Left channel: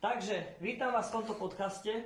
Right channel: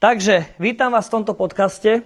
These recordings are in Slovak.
Takže, vítam vás v tomto podcaste.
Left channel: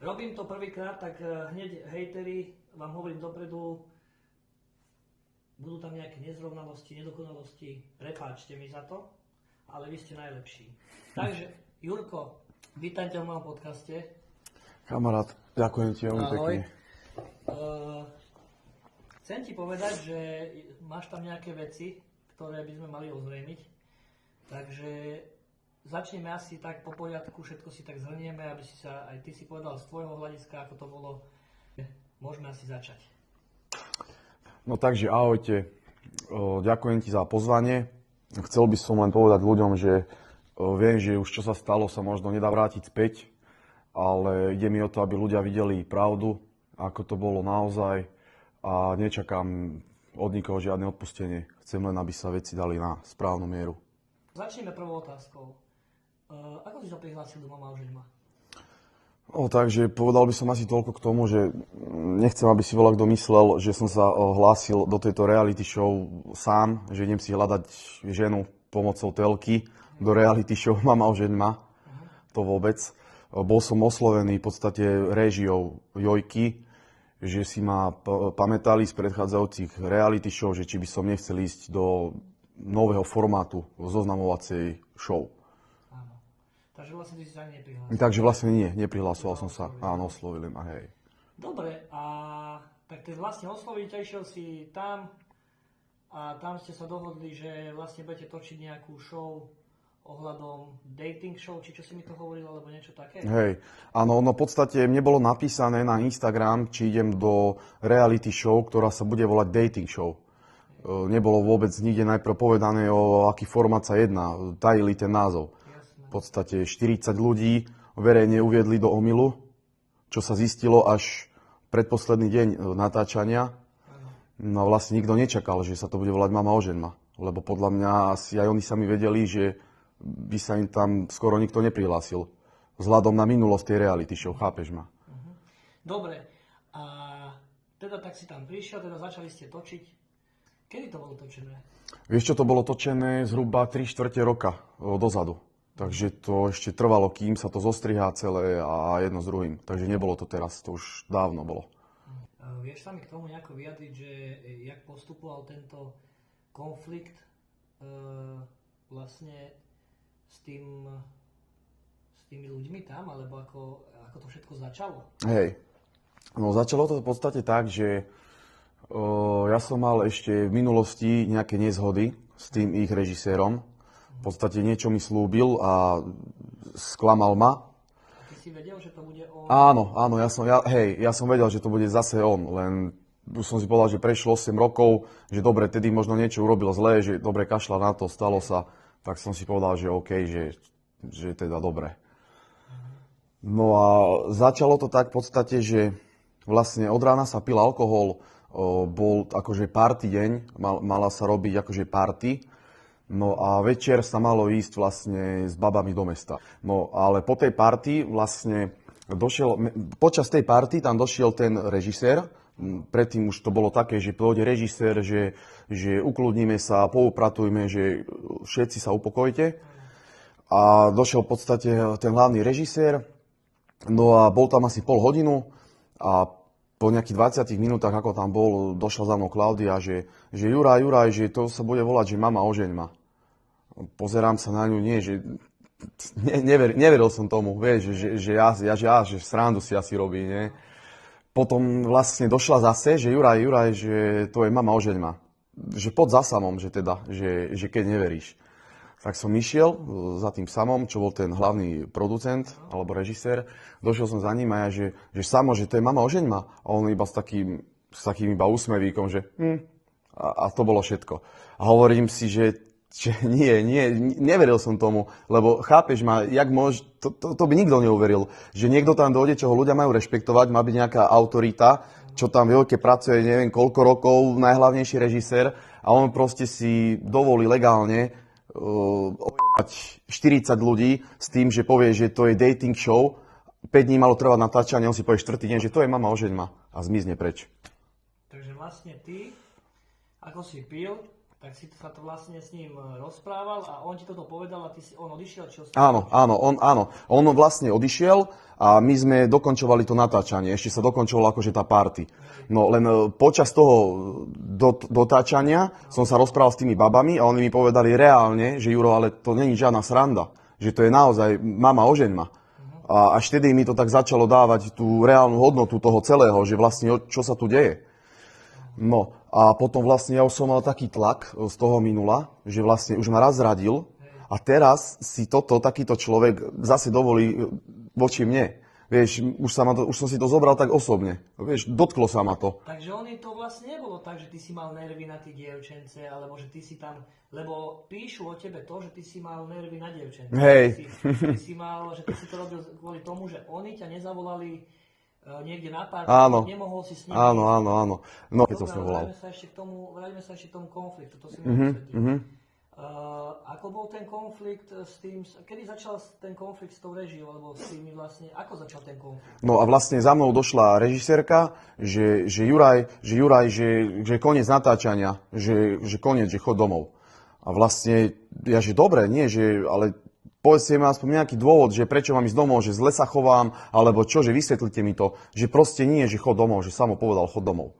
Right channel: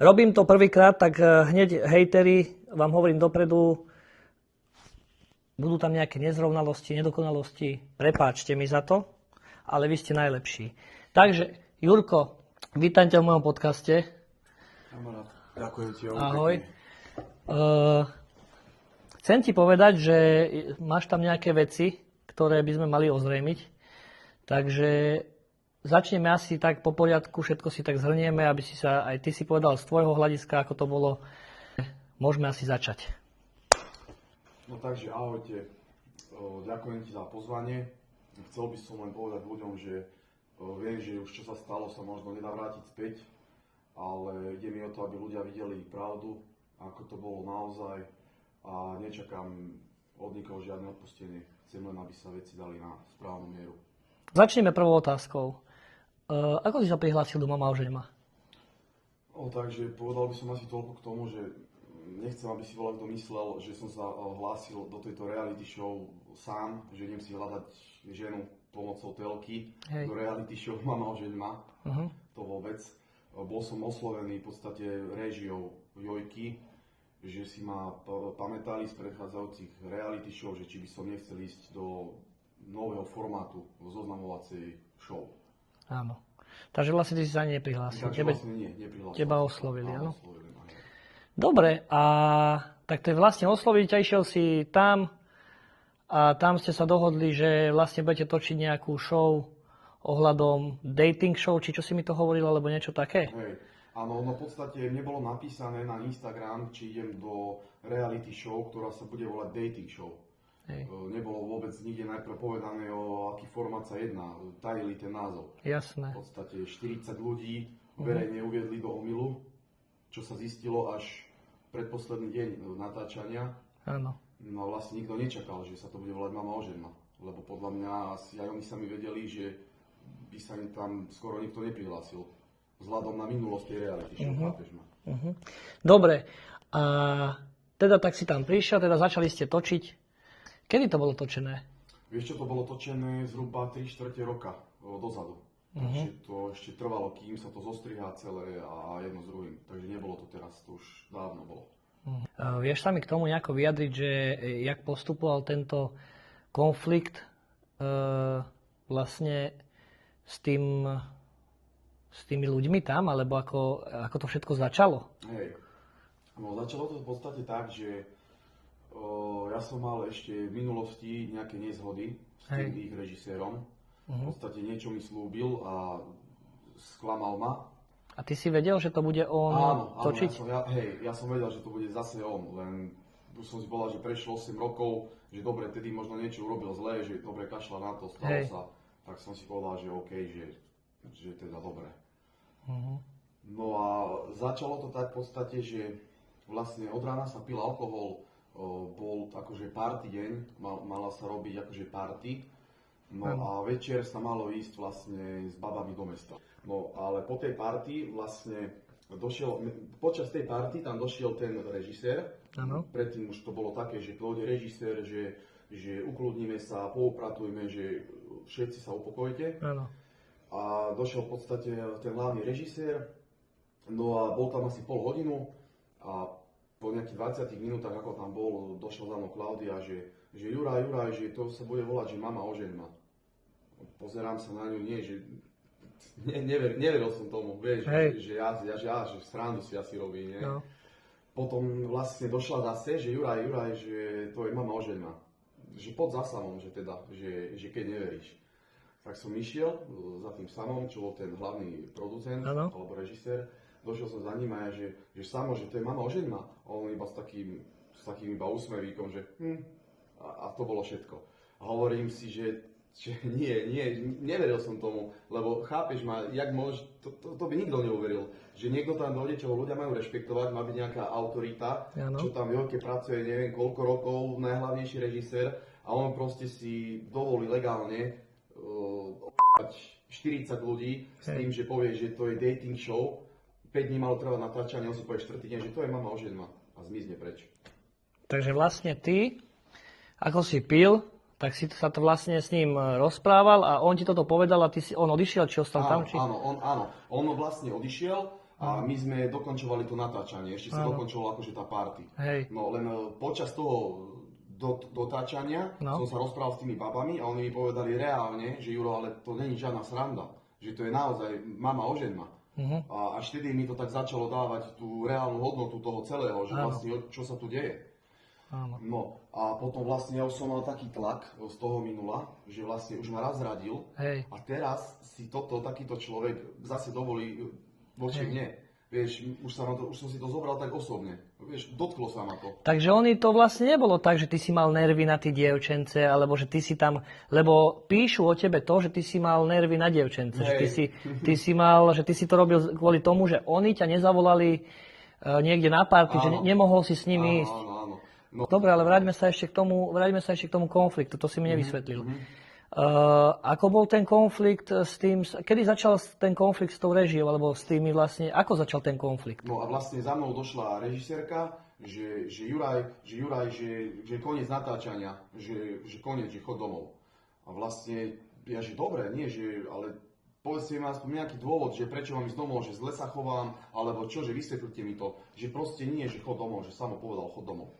Robím to prvýkrát, tak hneď hejteri, vám hovorím dopredu, budú tam nejaké nezrovnalosti, nedokonalosti, prepáčte mi za to, ale vy ste najlepší. Takže, Jurko, vítajte v mojom podcaste. Kamarát, ďakujem ti veľmi Ahoj. pekne. Chcem ti povedať, že máš tam nejaké veci, ktoré by sme mali ozrejmiť. Takže začneme asi tak po poriadku, všetko si tak zhrnieme, aby si sa aj ty si povedal z tvojho hľadiska, ako to bolo. Môžeme asi začať. No takže ahojte, ďakujem ti za pozvanie. Chcel by som len povedať ľuďom, že viem, že už čo sa stalo sa možno nedá vrátiť späť, ale ide mi o to, aby ľudia videli pravdu, ako to bolo naozaj a nečakám od nikoho žiadne odpustenie. Chcem len, aby sa veci dali na správnu mieru. Začneme prvou otázkou. Ako si sa prihlásil do Mama ožeň ma? Takže povedal by som asi toľko k tomu, že nechcem, aby si veľa kto myslel, že som sa hlásil do tejto reality show sám, že idem si hľadať ženu pomocou telky do reality show Mama ožeň ma. To vôbec. Bol som oslovený v podstate réžiou Jojky, že si ma pamätali z predchádzajúcich reality show, že či by som nechcel ísť do nového formátu zoznamovacej show. Áno. Takže vlastne ty si sa ani neprihlásil. Takže vlastne nie, neprihlásil Teba som oslovili, sa. Áno, no? oslovili ma, hej. Dobre, a tak to je vlastne osloviť, išiel si tam a tam ste sa dohodli, že vlastne budete točiť nejakú show ohľadom dating show, či čo si mi to hovoril, alebo niečo také? Hej, áno, no v podstate mne bolo napísané na Instagram, či idem do reality show, ktorá sa bude volať dating show. Nebolo vôbec nikde najprv povedané, o aký formát sa jedná, tajili ten názov. Jasné. V podstate 40 ľudí verejne uviedli do omylu, čo sa zistilo až predposledný deň natáčania. Áno. No vlastne nikto nečakal, že sa to bude volať Mama ožeň ma. Lebo podľa mňa asi aj oni sami vedeli, že by sa im tam skoro nikto neprihlásil. Vzhľadom na minulosť tej reality show, chápeš ma? Dobre, a teda tak si tam prišiel, teda začali ste točiť. Kedy to bolo točené? Vieš čo, to bolo točené zhruba 3/4 roka dozadu. Takže to ešte trvalo, kým sa to zostrihá celé a jedno s druhým. Takže nebolo to teraz, to už dávno bolo. Vieš sa mi k tomu nejako vyjadriť, že jak postupoval tento konflikt vlastne s tými ľuďmi tam, alebo ako to všetko začalo? Hej, no začalo to v podstate tak, že ja som mal ešte v minulosti nejaké nezhody s tým ich režisérom. V podstate niečo mi slúbil a sklamal ma. A ty si vedel, že to bude on? Áno, točiť? ja som vedel, že to bude zase on, len už som si povedal, že prešlo 8 rokov, že dobre, tedy možno niečo urobil zlé, že dobre kašľa na to, stalo sa. Tak som si povedal, že OK, že teda dobre. No a začalo to tak v podstate, že vlastne od rána sa pil alkohol, bol akože party deň, mala sa robiť akože party, no a večer sa malo ísť vlastne s babami do mesta. No ale po tej party vlastne počas tej party tam došiel ten režisér, predtým už to bolo také, že pôjde režisér, že ukludníme sa, poupratujme, že všetci sa upokojte. Áno. A došiel v podstate ten hlavný režisér, no a bol tam asi pol hodinu a po nejakých 20 minútach, ako tam bol, došla za mnou Klaudia, že Juraj, že to sa bude volať, že Mama ožeň ma. Pozerám sa na ňu, že neveril som tomu, vieš, že srandu si asi robí, nie? No. Potom vlastne došla zase, že Juraj, že to je Mama ožeň ma. Že pod za samom, že keď neveríš. Tak som išiel za tým samom, čo bol ten hlavný producent alebo režisér. Došiel som za ním a ja, že Samo, že to je Mama ožeň ma. A on iba s takým iba úsmevíkom, že a to bolo všetko. A hovorím si, že nie, neveril som tomu, lebo chápeš ma, to by nikto neuveril, že niekto tam dojde, čo ho ľudia majú rešpektovať, má byť nejaká autorita, čo tam v Jojke pracuje neviem koľko rokov, najhlavnejší režisér a on proste si dovolí legálne 40 ľudí s tým, že povie, že to je dating show, 5 dní malo trvať natáčanie, on si povie 4. deň, že to je Mama ožeň ma a zmizne preč. Takže vlastne ty, ako si pil, Tak si sa to vlastne s ním rozprával a on ti toto povedal a on odišiel, či ostal Áno, tam? Či... áno. On vlastne odišiel a my sme dokončovali to natáčanie. Ešte sa dokončovalo akože tá party. Hej. No len počas toho dotáčania som sa rozprával s tými babami a oni mi povedali reálne, že Juro, ale to není žiadna sranda. Že to je naozaj mama ožeň ma. A až vtedy mi to tak začalo dávať tú reálnu hodnotu toho celého, že vlastne čo sa tu deje. No a potom vlastne ja už som mal taký tlak z toho minula, že vlastne už ma raz zradil. Hej. A teraz si takýto človek zase dovolí voči mne. Vieš, už som si to zobral tak osobne. Vieš, dotklo sa ma to. Takže oni to vlastne nebolo tak, že ty si mal nervy na tie dievčence, alebo že ty si tam, lebo píšu o tebe to, že ty si mal nervy na dievčence. Hej. Ty si mal, že ty si to robil kvôli tomu, že oni ťa nezavolali niekde na party, Áno. že nemohol si s nimi ísť. Áno. No, Dobre, ale vráťme sa ešte k tomu konfliktu, to si mi nevysvetlil. Ako bol ten konflikt s tým, kedy začal ten konflikt s tou režiou, alebo s tými vlastne, ako začal ten konflikt? No a vlastne za mnou došla režisérka, že Juraj, že koniec natáčania, že koniec, že chod domov. A vlastne, ja že dobre, nie, že, ale povedzte mi aspoň nejaký dôvod, že prečo mám ísť domov, že zle sa chovám, alebo čo, že vysvetlite mi to, že proste nie, že chod domov, že samo povedal chod domov.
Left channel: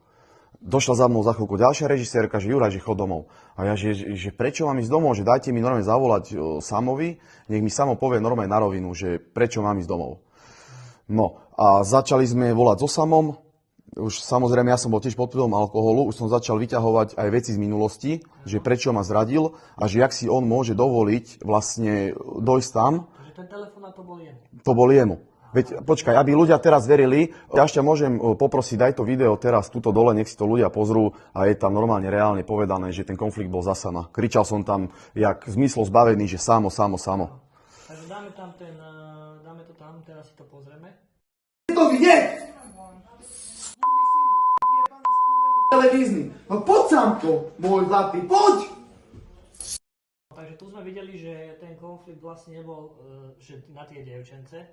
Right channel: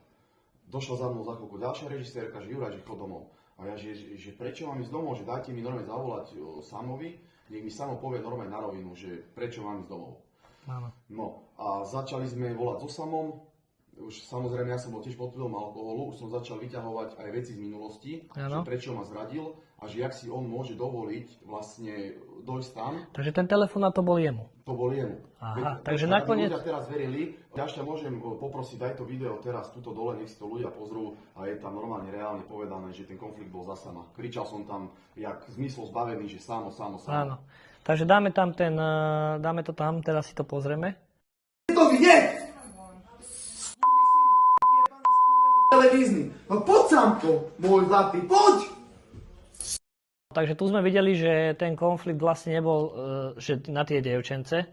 Došla za mnou za chvíľku ďalšia režisérka, že Juraj, že chod domov. A ja, že prečo mám ísť domov, že dajte mi normálne zavolať Samovi, nech mi Samo povie normálne na rovinu, že prečo mám ísť domov. No a začali sme volať so Samom, už samozrejme ja som bol tiež pod vplyvom alkoholu, už som začal vyťahovať aj veci z minulosti, že prečo ma zradil a že jak si on môže dovoliť vlastne dojsť tam. Takže ten telefonát to bol jemu. To bol jemu. Aha, Veď, počkaj, aby ľudia teraz verili, ja ešte môžem poprosiť, daj to video teraz tuto dole, nech si to ľudia pozrú a je tam normálne reálne povedané, že ten konflikt bol za Sama. Kričal som tam, jak zmyslo zbavený, že Samo. Áno. Takže dáme to tam, teraz si to pozrieme. To vidieť! Televízny. No poď, Samko, môj zlatý, poď! Takže tu sme videli, že ten konflikt vlastne nebol že na tie dievčence,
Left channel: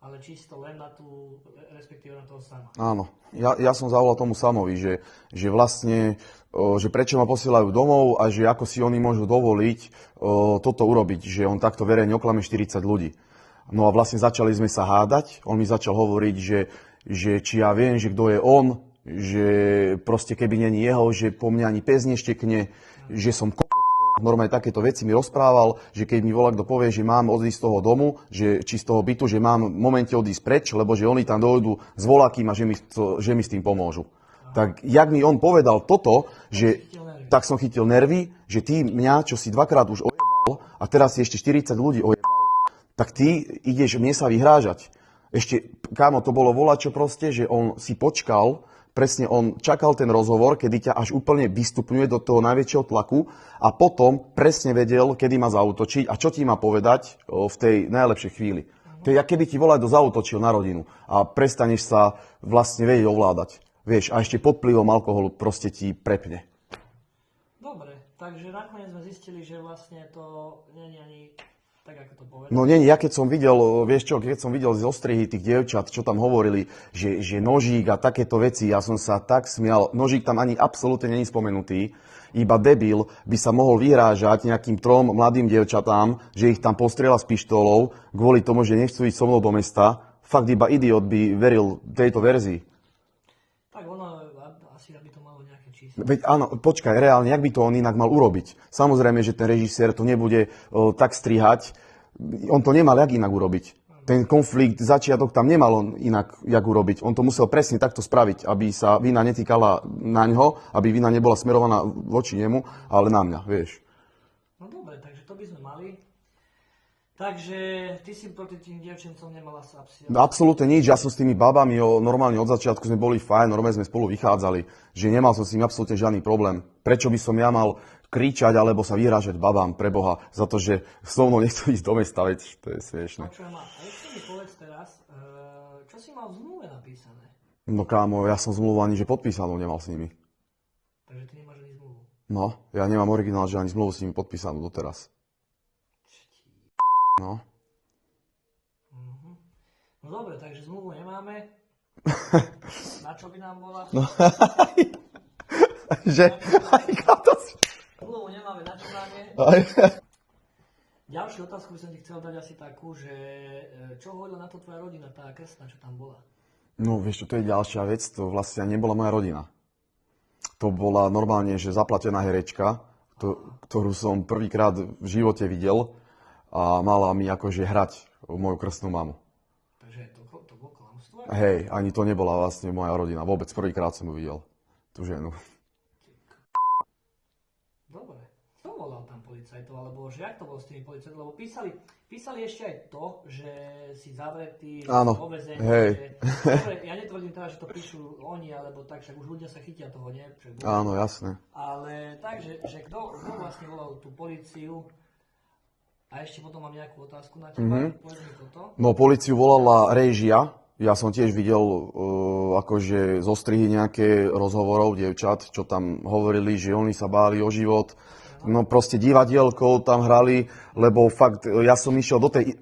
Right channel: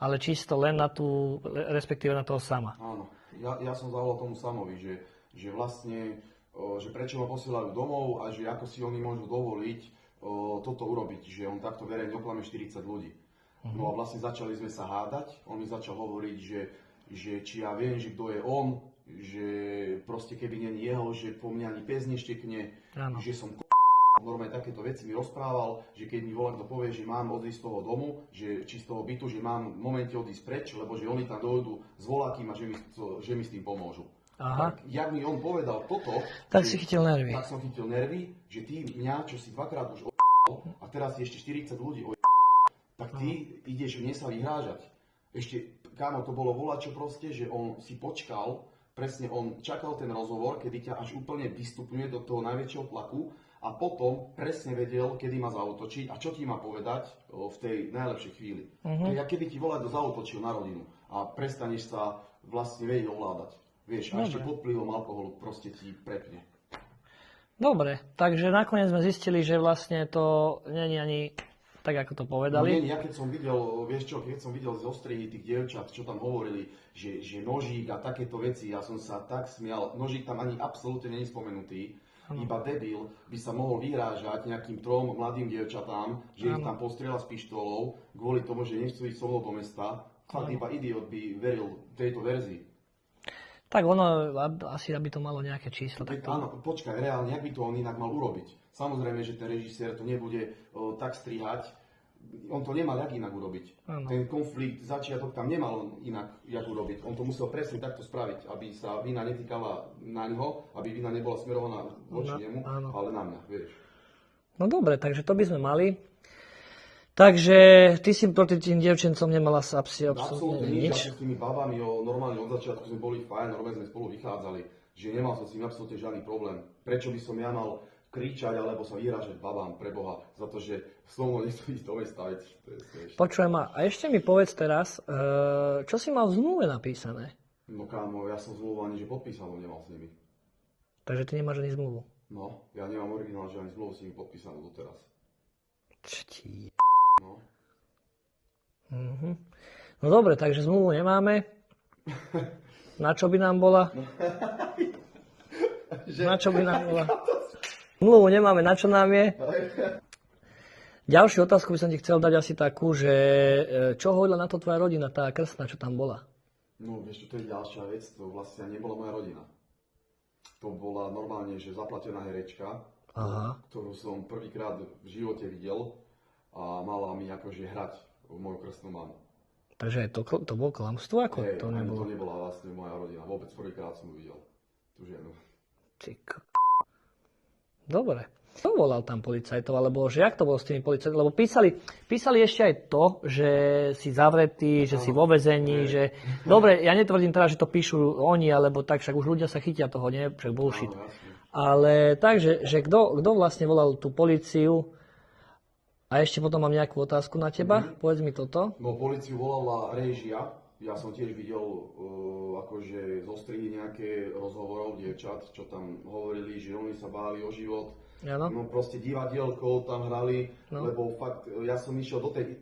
ale čisto len na tú, respektíve na toho Sama. Áno. Ja som zavolal tomu Samovi, že vlastne, že prečo ma posielajú domov a že ako si oni môžu dovoliť toto urobiť, že on takto verejne oklame 40 ľudí. No a vlastne začali sme sa hádať, on mi začal hovoriť, že či ja viem, že kto je on, že proste keby není jeho, že po mne ani pes neštekne, že som normálne takéto veci mi rozprával, že keď mi volá kto povie, že mám odísť z toho domu, či z toho bytu, že mám v momente odísť preč, lebo že oni tam dojdu s voľakým a že mi s tým pomôžu. Aha. Tak jak mi on povedal toto, tak som chytil nervy, že ty mňa, čo si dvakrát už ojebal a teraz si ešte 40 ľudí ojebal, tak ty ideš mne sa vyhrážať. Ešte, kámo, to bolo volačo proste, že on si počkal, presne on čakal ten rozhovor, kedy ťa až úplne vystupňuje do toho najväčšieho tlaku a potom presne vedel, kedy má zaútočiť a čo ti má povedať v tej najlepšej chvíli. To je, keby ti volaj zautočil na rodinu a prestaneš sa vlastne vedieť ovládať. Vieš, a ešte pod vplyvom alkoholu proste ti prepne. Dobre, takže nakoniec sme zistili, že vlastne to nie je ani tak, ako to povedali. No nie, ja keď som videl, vieš čo, keď som videl z ostrihy tých dievčat, čo tam hovorili, že nožík a takéto veci, ja som sa tak smial. Nožík tam ani absolútne není spomenutý. Iba debil by sa mohol vyhrážať nejakým 3 mladým dievčatám, že ich tam postrieľa s pištolou, kvôli tomu, že nechcú ísť so mnou do mesta. Fakt iba idiot by veril tejto verzii. Tak ono, asi aby to malo nejaké číslo. Veď áno, počkaj, reálne, jak by to on inak mal urobiť? Samozrejme, že ten režisér to nebude tak strihať. On to nemal jak inak urobiť. Ano. Ten konflikt, začiatok tam nemal on inak jak urobiť. On to musel presne takto spraviť, aby sa vina netýkala na ňo, aby vina nebola smerovaná voči nemu, ale na mňa, vieš. No dobre, takže to by sme mali. Takže ty si proti tým dievčencom nemala sa absolútne nič. Ja som s tými babami normálne od začiatku sme boli fajn, normálne sme spolu vychádzali. Že nemal som s nimi absolútne žiadny problém. Prečo by som ja mal kričať alebo sa vyhrážať babám pre Boha za to, že so mnou nechcú ísť do mesta, veď to je smiešné. Počujem ma, a ešte mi povedz teraz, čo si mal v zmluve napísané? No kámo, ja som zmluvu ani že podpísanú nemal s nimi. Takže ty nemáš ani zmluvu? No, ja nemám originál, že ani zmluvu s nimi podpísanú doteraz. No. No dobre, takže zmluvu nemáme. Na čo by nám bola? No. Na čo by nám bola? Mluvu nemáme, na čo nám je. Ďalšiu otázku by som ti chcel dať asi takú, že čo hovorila na to tvoja rodina, tá krstná, čo tam bola? No vieš čo, to je ďalšia vec, to vlastne nebola moja rodina. To bola normálne, že zaplatená herečka, ktorú som prvýkrát v živote videl a mala mi akože hrať moju krstnú mamu. Takže to bolo klamstvo? Hej, ani to nebola vlastne moja rodina, vôbec prvýkrát som ju videl, tú ženu. Dobre. Kto volal tam policajtov, alebo že jak to bolo s tými policajtami? Lebo písali ešte aj to, že si zavretý, že si vo väzení, že... Dobre, ja netvrdím teda, že to píšu oni, alebo tak, však už ľudia sa chytia toho, nie? Však bullshit. Áno, jasné. Ale takže, že kto vlastne volal tú políciu? A ešte potom mám nejakú otázku na teba, povedz mi toto. No, políciu volala réžia. Ja som tiež videl akože zostrihy nejaké rozhovorov dievčat, čo tam hovorili, že oni sa báli o život. Ano. No proste divadielkou tam hrali, lebo fakt, ja som išiel do tej,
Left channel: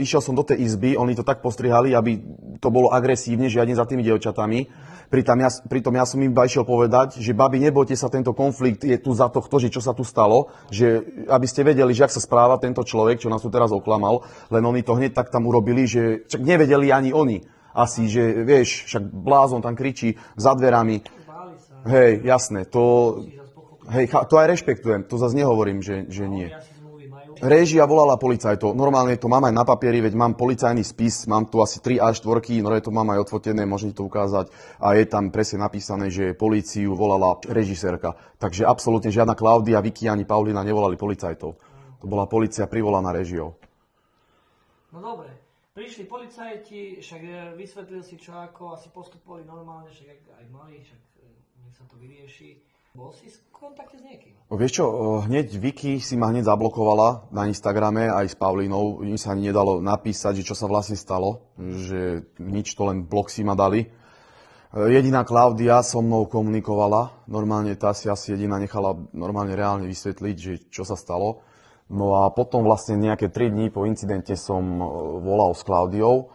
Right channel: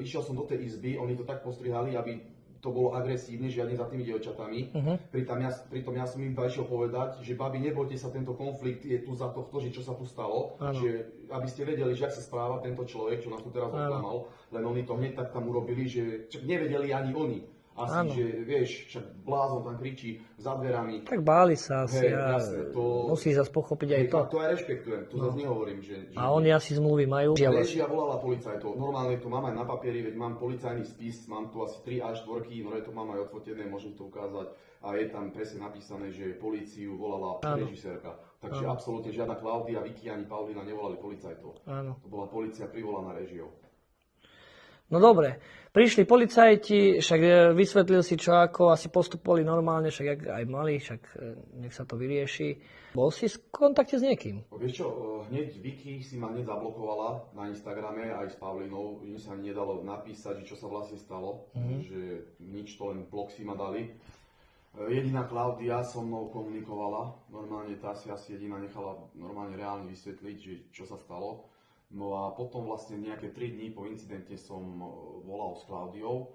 išiel som do tej izby, oni to tak postrihali, aby to bolo agresívne, žiadne za tými dievčatami. Pritom ja som im iba išiel povedať, že babi, nebojte sa, tento konflikt je tu za tohto, že čo sa tu stalo, že aby ste vedeli, že ak sa správa tento človek, čo nás tu teraz oklamal, len oni to hneď tak tam urobili, že čak nevedeli ani oni. Asi, že vieš, však blázon tam kričí za dverami. Tak báli sa. Hej, jasné, to... Musí zase pochopiť. Hej, to aj rešpektujem, to zase nehovorím, že a oni asi zmluvy majú. Réžia volala policajtov, normálne to mám aj na papieri, veď mám policajný spis, mám tu asi 3 A4, no to mám aj odfotené, môžem to ukázať. A je tam presne napísané, že políciu volala režisérka. Takže absolútne žiadna Klaudia, Vicky ani Paulína nevolali policajtov. Áno. To bola polícia privolaná réžiou. No dobre. Prišli policajti, však vysvetlil si čo ako, asi postupovali normálne, však aj mali, však nech sa to vyrieši. Bol si v kontakte s niekým? Vieš čo, hneď Vicky si ma hneď zablokovala na Instagrame aj s Paulínou. Im sa ani nedalo napísať, že čo sa vlastne stalo, že nič, to len blok si ma dali. Jediná Klaudia so mnou komunikovala, normálne tá si asi jediná nechala normálne reálne vysvetliť, že čo sa stalo. No a potom vlastne nejaké 3 dní po incidente som volal s Klaudiou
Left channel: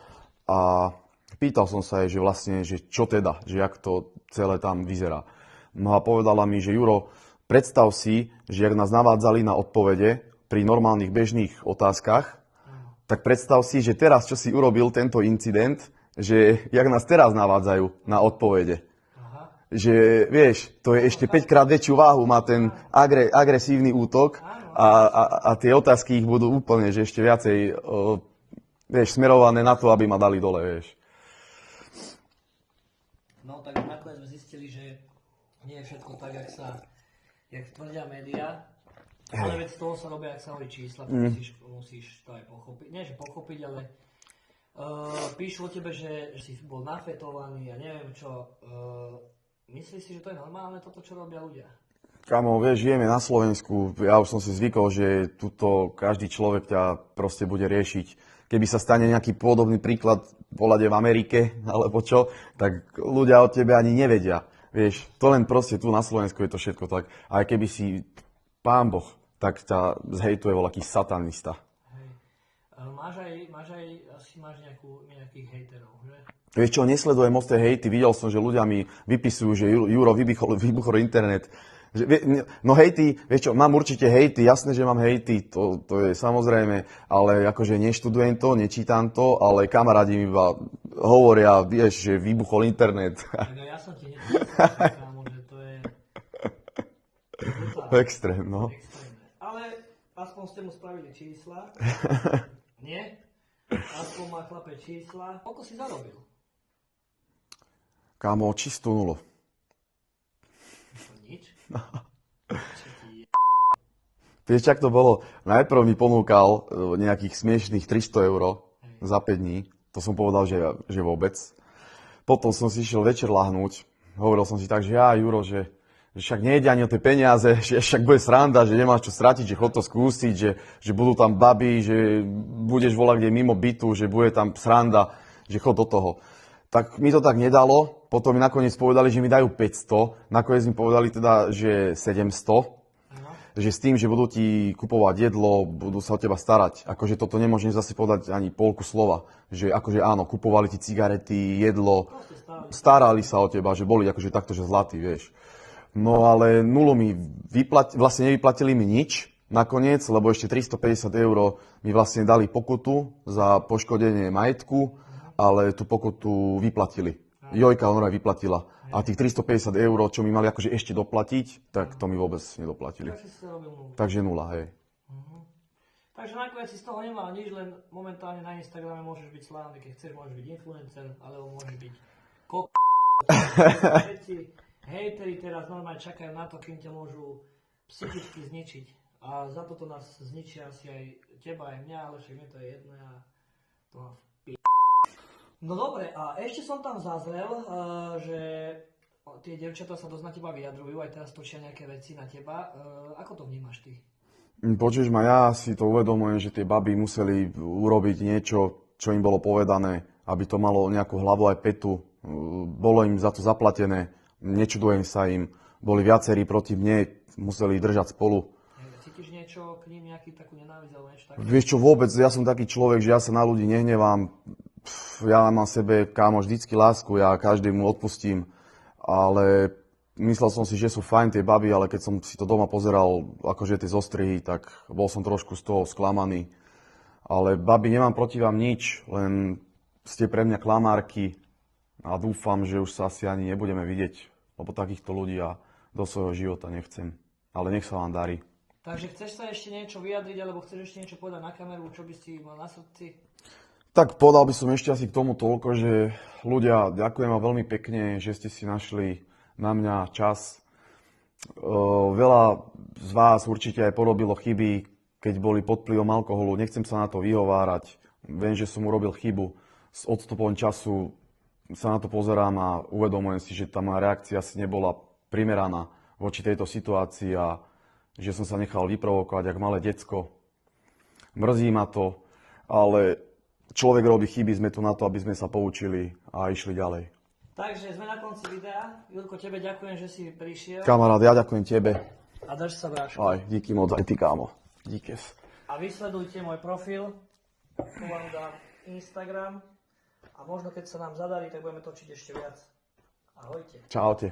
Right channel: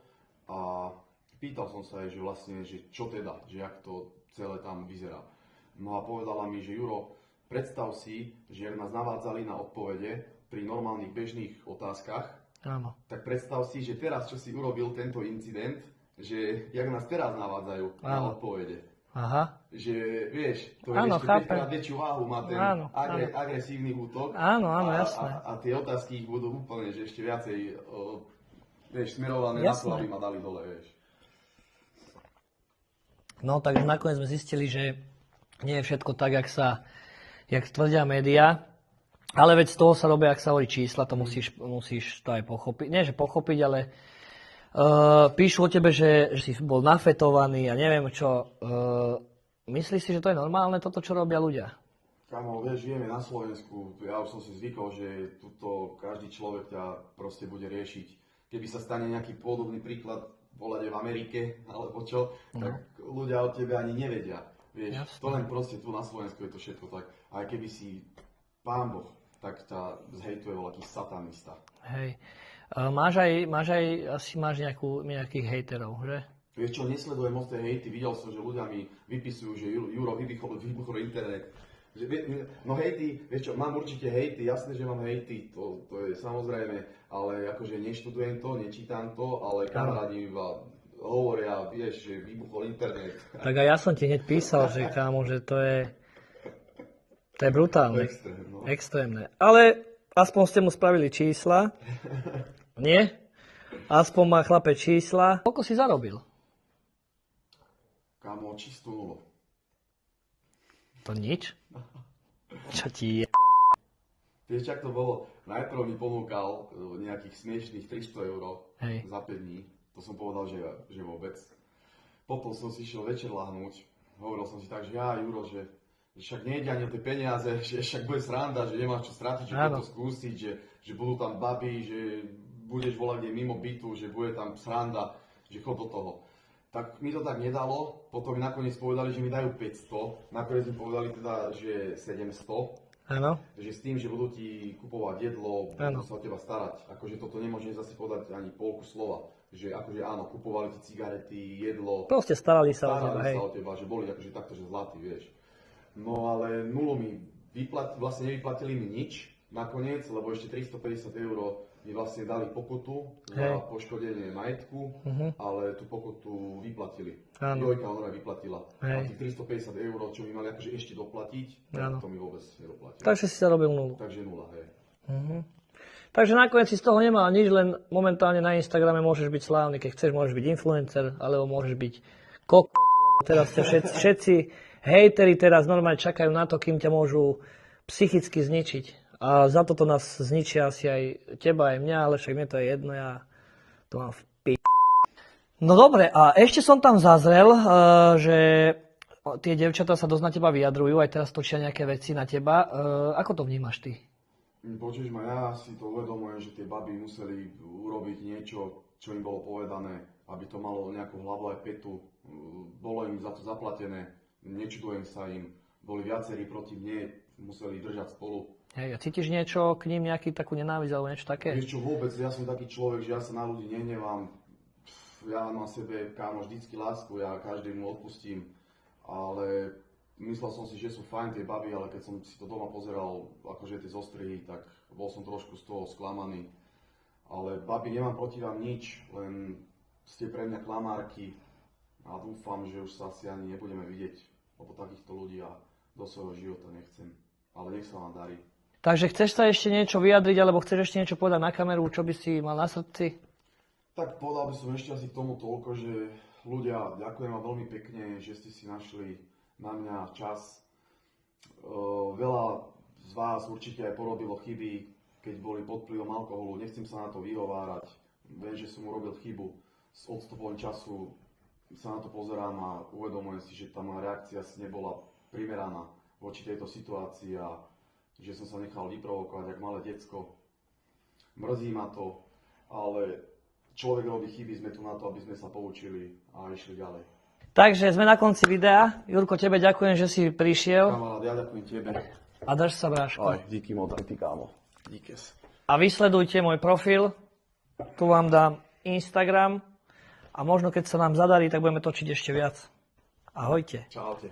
a pýtal som sa jej, že vlastne, že čo teda, že jak to celé tam vyzerá. No a povedala mi, že Juro, predstav si, že jak nás navádzali na odpovede pri normálnych bežných otázkach, tak predstav si, že teraz, čo si urobil tento incident, že jak nás teraz navádzajú na odpovede. Aha. Že, vieš, to je ešte 5-krát väčšiu váhu, má ten agresívny útok a tie otázky ich budú úplne, že ešte viacej, vieš, smerované na to, aby ma dali dole, vieš. No, tak nakoniec sme zistili, že nie je všetko tak, jak tvrdia médiá, ale veď z toho sa robia, ak sa hovorí čísla, to musíš to aj pochopiť. Nie, že pochopiť, ale píšu o tebe, že si bol nafetovaný a neviem čo. Myslíš si, že to je normálne, toto, čo robia ľudia? Kamo, vieš, žijeme na Slovensku, ja už som si zvykol, že tuto každý človek ťa proste bude riešiť. Keby sa stane nejaký podobný príklad volade v Amerike, alebo čo, tak ľudia o tebe ani nevedia. Vieš, to len proste tu na Slovensku je to všetko tak. Aj keby si pán Boh, tak ťa zhejtuje voľaký satanista. Hej. Asi máš nejakých hejterov, že? Vieš čo, nesledujem moc tie hejty, videl som, že ľudia mi vypisujú, že Juro, vybuchol internet. No hejty, vieš čo, mám určite hejty, jasné, že mám hejty, to je samozrejme, ale akože neštudujem to, nečítam to, ale kamarádi mi iba hovoria, vieš, že vybuchol internet. Tak a ja som ti hneď písal, že kámo, že to je brutálne. Extrémne. Ale aspoň ste mu spravili čísla, nie? Aspoň má chlape čísla. Koľko si zarobil? Kámo, čistú nulu. To nič? Čo ti je? Vieš, čak to bolo? Najprv mi ponúkal nejakých smiešných 300 eur za 5 dní. To som povedal, že vôbec. Potom som si išiel večer lahnúť. Hovoril som si tak, že Juro, že však nejde ani o tie peniaze, že však bude sranda, že nemáš čo stratiť, že chod to skúsiť, že budú tam baby, že budeš volať kde mimo bytu, že bude tam sranda, že chod do toho. Tak mi to tak nedalo, potom mi nakoniec povedali, že mi dajú 500, nakoniec mi povedali teda, že 700, že s tým, že budú ti kupovať jedlo, budú sa o teba starať. Akože toto nemôžem zase povedať ani polku slova, že akože áno, kupovali ti cigarety, jedlo, proste starali sa o teba, že boli akože takto, že zlatí, vieš. No ale nulu mi vlastne nevyplatili mi nič nakoniec, lebo ešte 350 eur mi vlastne dali pokutu za poškodenie majetku, ale tú pokutu vyplatili. Jojka honorá vyplatila. A tých 350 eur, čo mi mali akože ešte doplatiť, tak to mi vôbec nedoplatili. Takže si sa robil nulu. Takže nula, hej. Takže nakoniec si z toho nemal nič, len momentálne na Instagrame môžeš byť slávny, keď chceš, môžeš byť influencer, alebo môžeš byť všetci hejteri teraz normálne čakajú na to, kým ťa môžu psychicky zničiť. A za toto nás zničia asi aj teba, aj mňa, ale však mne to je jedno, ja to mám v No dobre, a ešte som tam zazrel, že tie devčatá sa dosť na teba vyjadrujú, aj teraz točia nejaké veci na teba. Ako to vnímaš ty? Počuješ ma, ja si to uvedomujem, že tie baby museli urobiť niečo, čo im bolo povedané, aby to malo nejakú hlavu aj petu. Bolo im za to zaplatené, nečudujem sa im. Boli viacerí proti mne, museli držať spolu. Hej, cítiš niečo k ním, nejaký takú nenávisť alebo niečo také? Vieš čo, vôbec, ja som taký človek, že ja sa na ľudí nehnevám. Ja mám sebe, kámo, vždycky lásku, ja každému odpustím. Ale myslel som si, že sú fajn tie baby, ale keď som si to doma pozeral, akože tie zostrihy, tak bol som trošku z toho sklamaný. Ale babi, nemám proti vám nič, len ste pre mňa klamárky a dúfam, že už sa asi ani nebudeme vidieť, lebo takýchto ľudí ja do svojho života nechcem. Ale nech sa vám darí. Takže chceš sa ešte niečo vyjadriť, alebo chceš ešte niečo povedať na kameru, čo by si mal na srdci? Tak povedal by som ešte asi k tomu toľko, že ľudia, ďakujem vám veľmi pekne, že ste si našli na mňa čas. Veľa z vás určite aj porobilo chyby, keď boli pod vplyvom alkoholu. Nechcem sa na to vyhovárať. Viem, že som urobil chybu. S odstupom času sa na to pozerám a uvedomujem si, že tá moja reakcia asi nebola primeraná voči tejto situácii a že som sa nechal vyprovokovať ako malé decko. Mrzí ma to, ale človek robí chyby, sme tu na to, aby sme sa poučili a išli ďalej. Takže sme na konci videa. Jurko, tebe ďakujem, že si prišiel. Kamarát, ja ďakujem tebe. A dáš sa bráško. Aj, díky moc, aj ty, kámo. Díkes. A vysledujte môj profil. Tu vám dám Instagram. A možno keď sa nám zadarí, tak budeme točiť ešte viac. Ahojte. Čaute.